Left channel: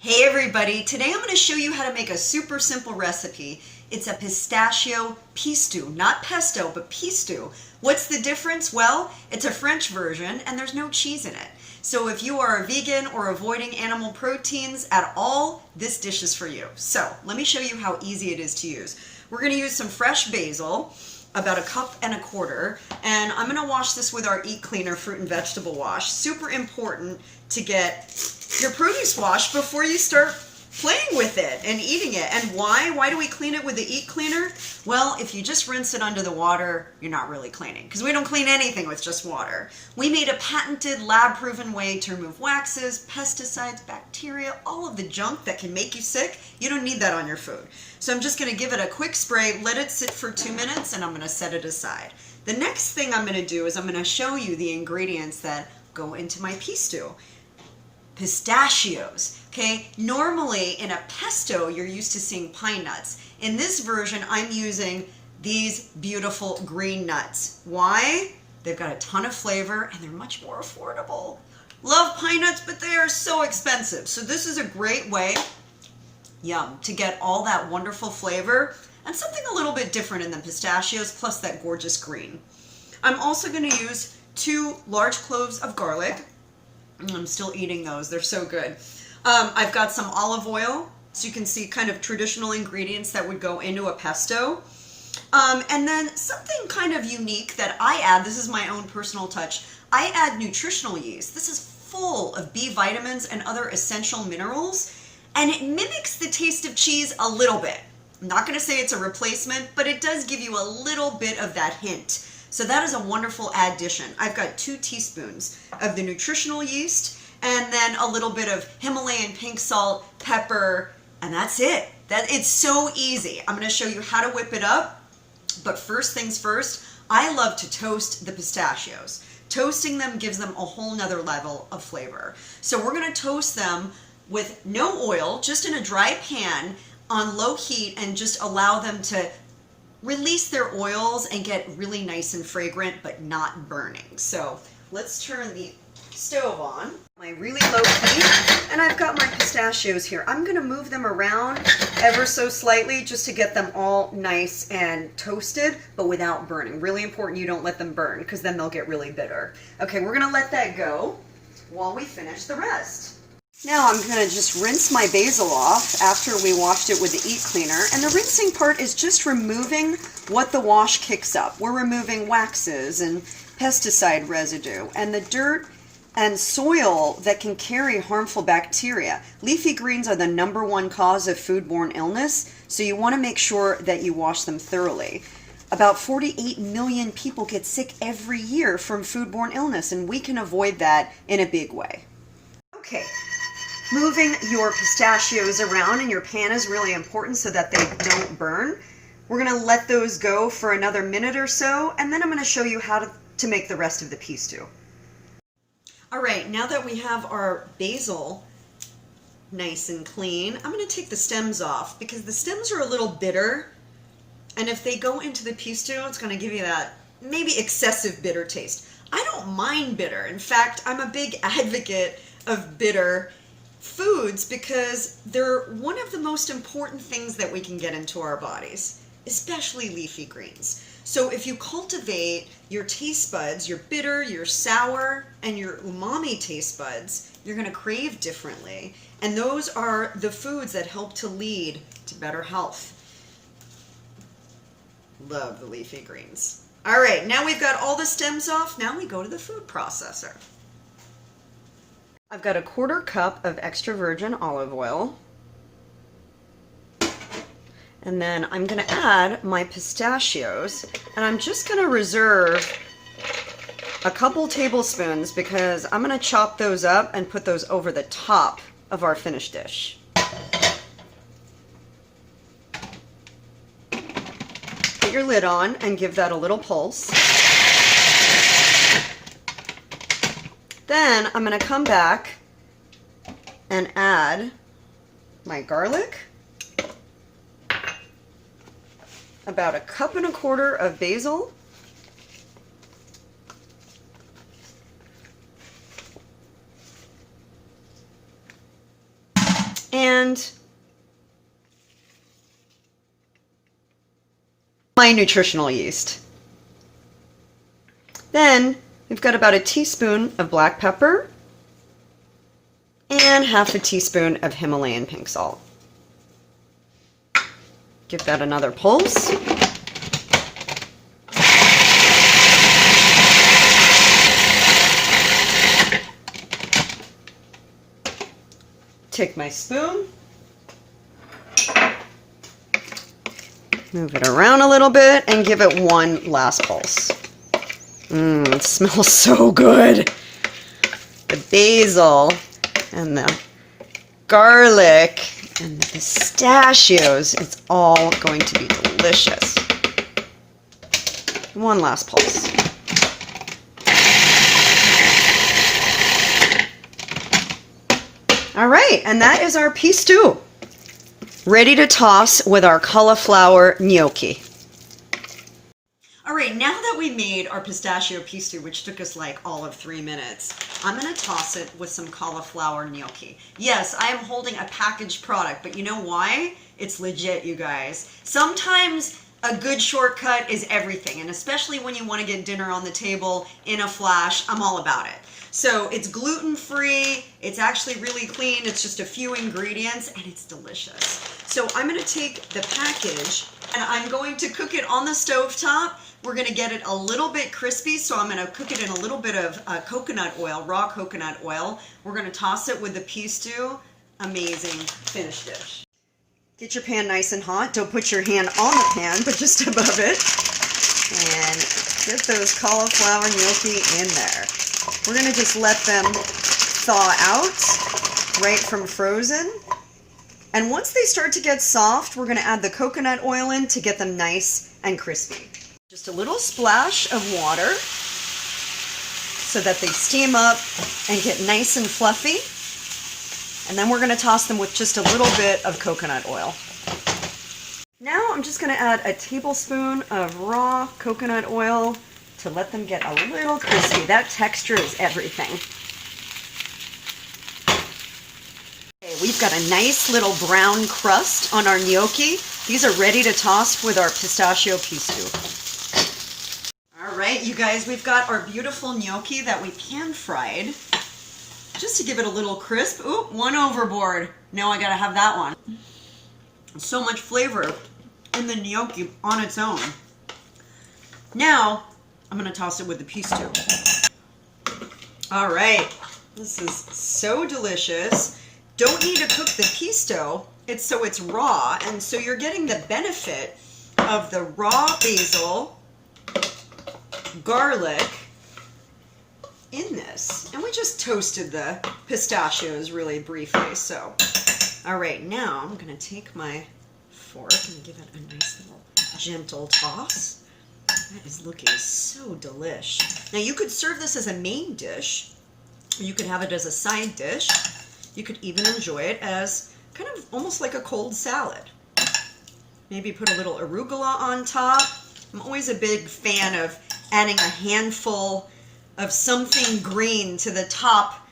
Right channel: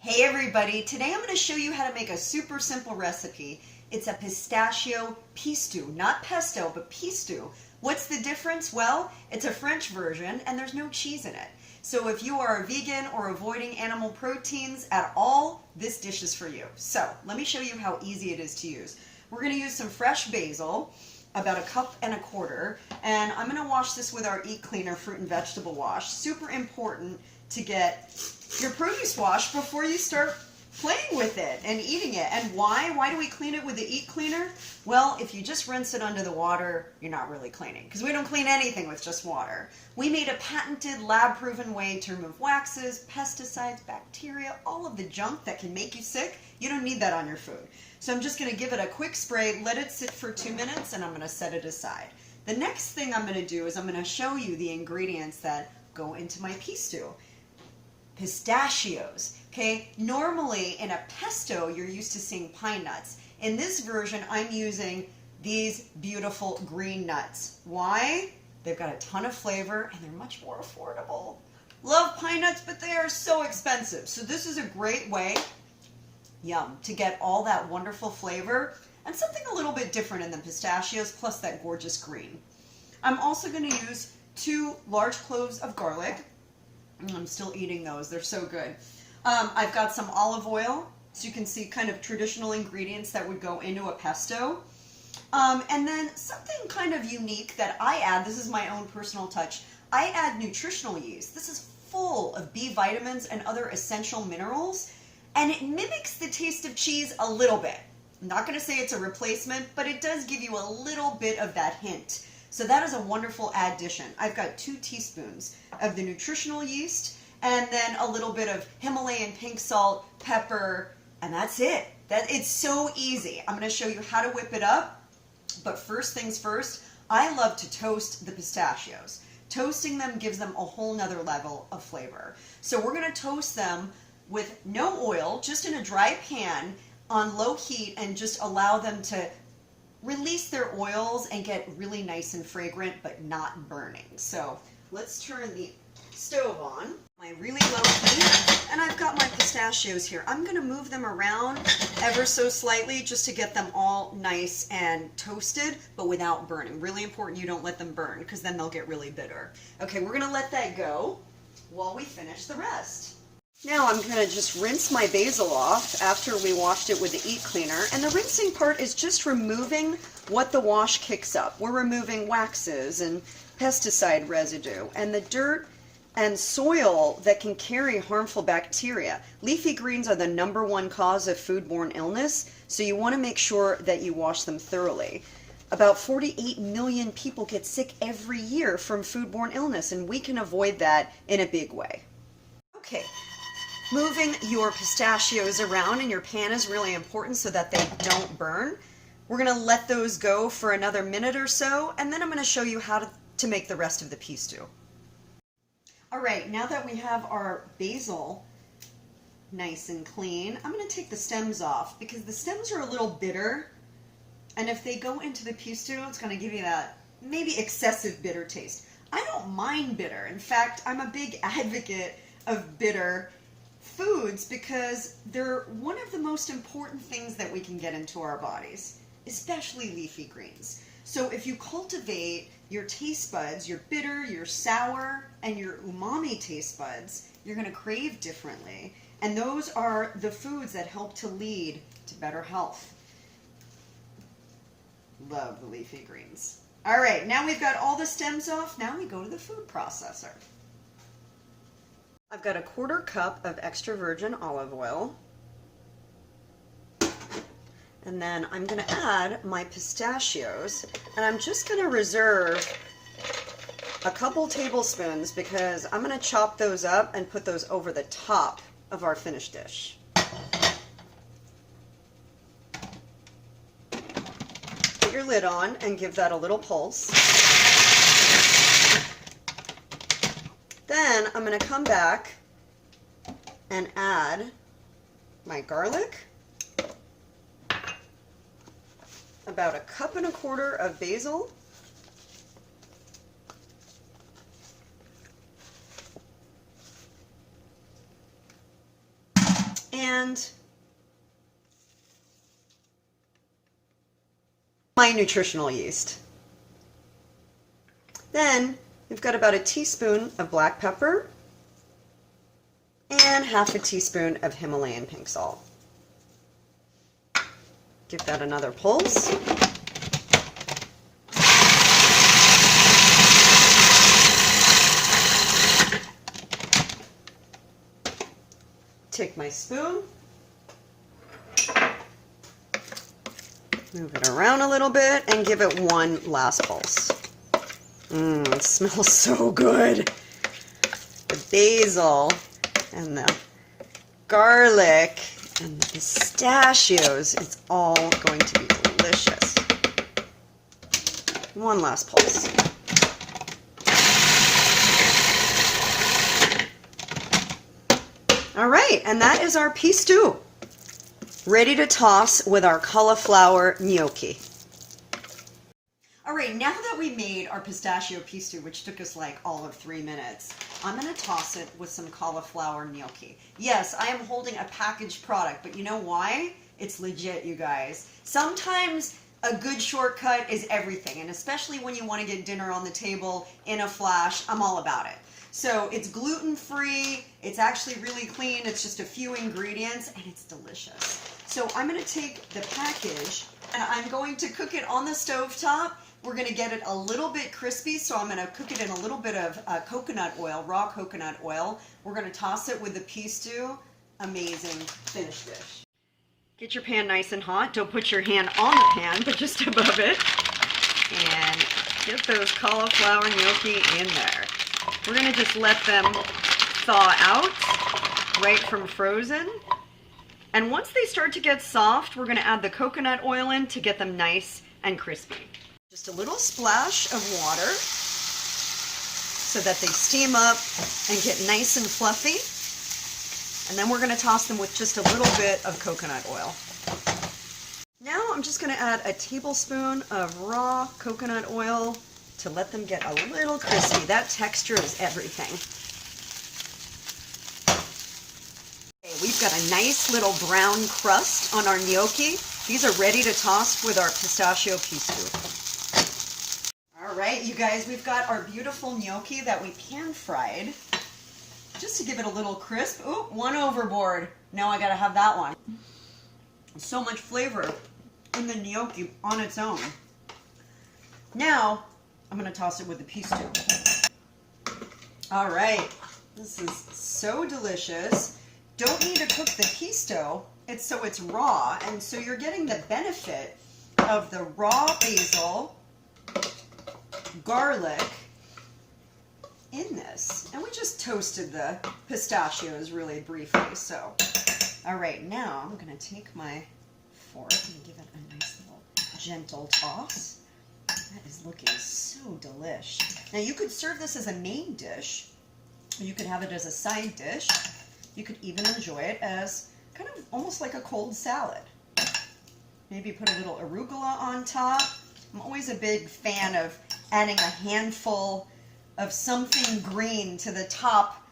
Hey everybody, today I'm going to show you how to make a super simple recipe. It's a pistachio PIstou, not pesto, but PIstou. What's the difference? Well, it's a French version and there's no cheese in it. So if you are a vegan or avoiding animal proteins at all, this dish is for you. So let me show you how easy it is to use. We're going to use some fresh basil, about 1.25 cups, and I'm going to wash this with our Eat Cleaner fruit and vegetable wash. Super important to get your produce washed before you start playing with it and eating it. And why? Why do we clean it with the Eat Cleaner? Well, if you just rinse it under the water, you're not really cleaning, because we don't clean anything with just water. We made a patented lab-proven way to remove waxes, pesticides, bacteria, all of the junk that can make you sick. You don't need that on your food. So I'm just going to give it a quick spray, let it sit for 2 minutes, and I'm going to set it aside. The next thing I'm going to do is I'm going to show you the ingredients that go into my PIstou. Pistachios, okay? Normally in a pesto, you're used to seeing pine nuts. In this version, I'm using these beautiful green nuts. Why? They've got a ton of flavor and they're much more affordable. Love pine nuts, but they are so expensive. So this is a great way, yum, to get all that wonderful flavor and something a little bit different in the pistachios, plus that gorgeous green. I'm also going to use 2 large cloves of garlic. I'm still eating those. They're so good. I've got some olive oil, so you can see kind of traditional ingredients that would go into a pesto. And then something kind of unique that I add, this is my own personal touch, I add nutritional yeast. This is full of B vitamins and other essential minerals, and it mimics the taste of cheese a little bit. I'm not going to say it's a replacement, but it does give you a little bit of that hint. So that is a wonderful addition. I've got 2 teaspoons of the nutritional yeast and then a little bit of Himalayan pink salt, pepper, and that's it. It's so easy. I'm going to show you how to whip it up. But first things first, I love to toast the pistachios. Toasting them gives them a whole nother level of flavor. So we're going to toast them with no oil, just in a dry pan on low heat, and just allow them to release their oils and get really nice and fragrant, but not burning. So let's turn the stove on, my really low heat, and I've got my pistachios here. I'm going to move them around ever so slightly just to get them all nice and toasted, but without burning. Really important you don't let them burn, because then they'll get really bitter. Okay, we're going to let that go while we finish the rest. Now I'm going to just rinse my basil off after we washed it with the Eat Cleaner. And the rinsing part is just removing what the wash kicks up. We're removing waxes and pesticide residue and the dirt and soil that can carry harmful bacteria. Leafy greens are the #1 cause of foodborne illness, so you want to make sure that you wash them thoroughly. About 48 million people get sick every year from foodborne illness, and we can avoid that in a big way. Okay. Moving your pistachios around in your pan is really important so that they don't burn. We're going to let those go for another minute or so, and then I'm going to show you how to make the rest of the PIstou. All right, now that we have our basil nice and clean, I'm going to take the stems off, because the stems are a little bitter, and if they go into the PIstou, it's going to give you that maybe excessive bitter taste. I don't mind bitter. In fact, I'm a big advocate of bitter foods because they're one of the most important things that we can get into our bodies, especially leafy greens. So if you cultivate your taste buds, your bitter, your sour, and your umami taste buds, you're going to crave differently. And those are the foods that help to lead to better health. Love the leafy greens. All right, now we've got all the stems off. Now we go to the food processor. I've got 1/4 cup of extra virgin olive oil. And then I'm going to add my pistachios. And I'm just going to reserve a couple tablespoons because I'm going to chop those up and put those over the top of our finished dish. Put your lid on and give that a little pulse. Then I'm going to come back and add my garlic, about 1.25 cups of basil, and my nutritional yeast. Then we've got about a teaspoon of black pepper and half a teaspoon of Himalayan pink salt. Give that another pulse. Take my spoon, move it around a little bit, and give it one last pulse. It smells so good. The basil and the garlic and the pistachios, it's all going to be delicious. One last pulse. All right, and that is our PIstou, ready to toss with our cauliflower gnocchi. All right, now that we made our pistachio PIstou, which took us like all of 3 minutes, I'm gonna toss it with some cauliflower gnocchi. Yes, I am holding a packaged product, but you know why? It's legit, you guys. Sometimes a good shortcut is everything, and especially when you want to get dinner on the table in a flash, I'm all about it. So it's gluten-free, it's actually really clean, it's just a few ingredients, and it's delicious. So I'm going to take the package, and I'm going to cook it on the stovetop. We're going to get it a little bit crispy, so I'm going to cook it in a little bit of coconut oil, raw coconut oil. We're going to toss it with the PIstou. Amazing finished dish. Get your pan nice and hot. Don't put your hand on the pan, but just above it. And get those cauliflower gnocchi in there. We're going to just let them thaw out right from frozen. And once they start to get soft, we're going to add the coconut oil in to get them nice and crispy. Just a little splash of water so that they steam up and get nice and fluffy. And then we're going to toss them with just a little bit of coconut oil. Now I'm just going to add a tablespoon of raw coconut oil to let them get a little crispy. That texture is everything. Okay, we've got a nice little brown crust on our gnocchi. These are ready to toss with our pistachio PIstou. All right, you guys, we've got our beautiful gnocchi that we pan fried. Just to give it a little crisp. Ooh, one overboard. Now I gotta have that one. So much flavor in the gnocchi on its own. Now, I'm gonna toss it with the PIstou. All right, this is so delicious. Don't need to cook the PIstou. It's raw, and so you're getting the benefit of the raw basil, garlic, in this. And we just toasted the pistachios really briefly, so. All right, now I'm gonna take my fork and give it a nice little gentle toss. That is looking so delish. Now you could serve this as a main dish, or you could have it as a side dish. You could even enjoy it as kind of almost like a cold salad. Maybe put a little arugula on top. I'm always a big fan of adding a handful of something green to the top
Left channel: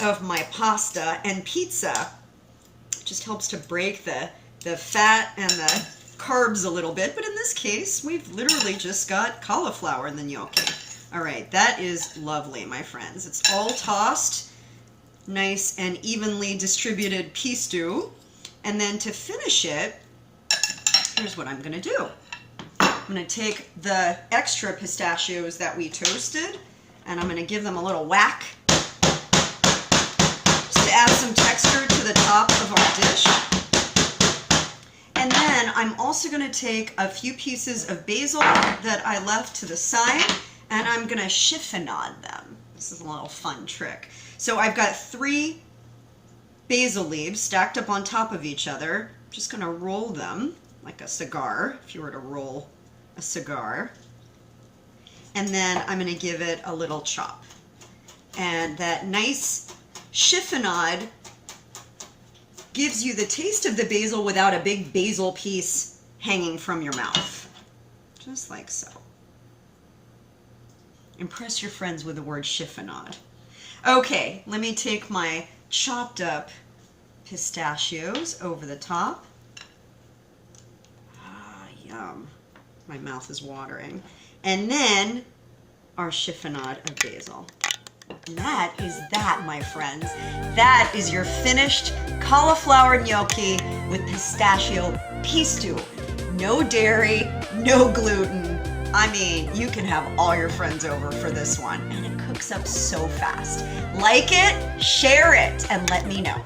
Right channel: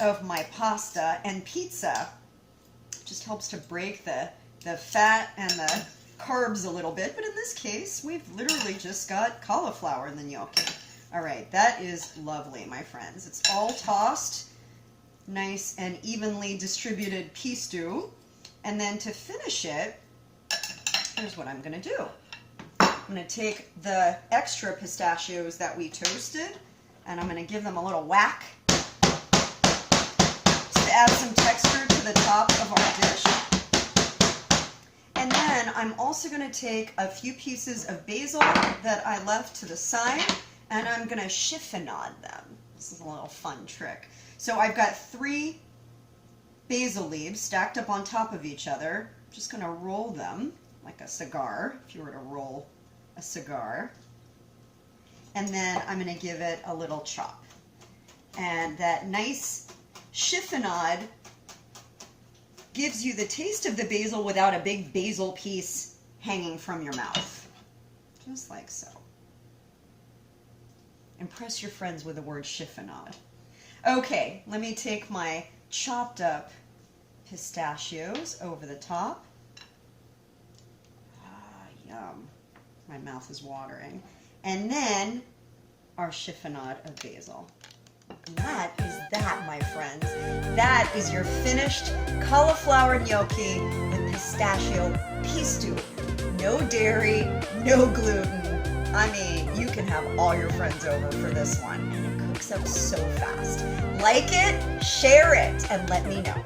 of my pasta and pizza. It just helps to break the fat and the carbs a little bit, but in this case, we've literally just got cauliflower in the gnocchi. All right, that is lovely, my friends. It's all tossed, nice and evenly distributed PIstou. And then to finish it, here's what I'm gonna do. I'm gonna take the extra pistachios that we toasted, and I'm going to give them a little whack just to add some texture to the top of our dish. And then I'm also going to take a few pieces of basil that I left to the side, and I'm going to chiffonade them. This is a little fun trick. So I've got 3 basil leaves stacked up on top of each other. I'm just going to roll them like a cigar, if you were to roll a cigar. And then I'm going to give it a little chop. And that nice chiffonade gives you the taste of the basil without a big basil piece hanging from your mouth. Just like so. Impress your friends with the word chiffonade. Okay, let me take my chopped up pistachios over the top. Ah, yum. My mouth is watering. And then our chiffonade of basil. And that is that, my friends. That is your finished cauliflower gnocchi with pistachio PIstou. No dairy, no gluten. I mean, you can have all your friends over for this one, and it cooks up so fast. Like it, share it, and let me know.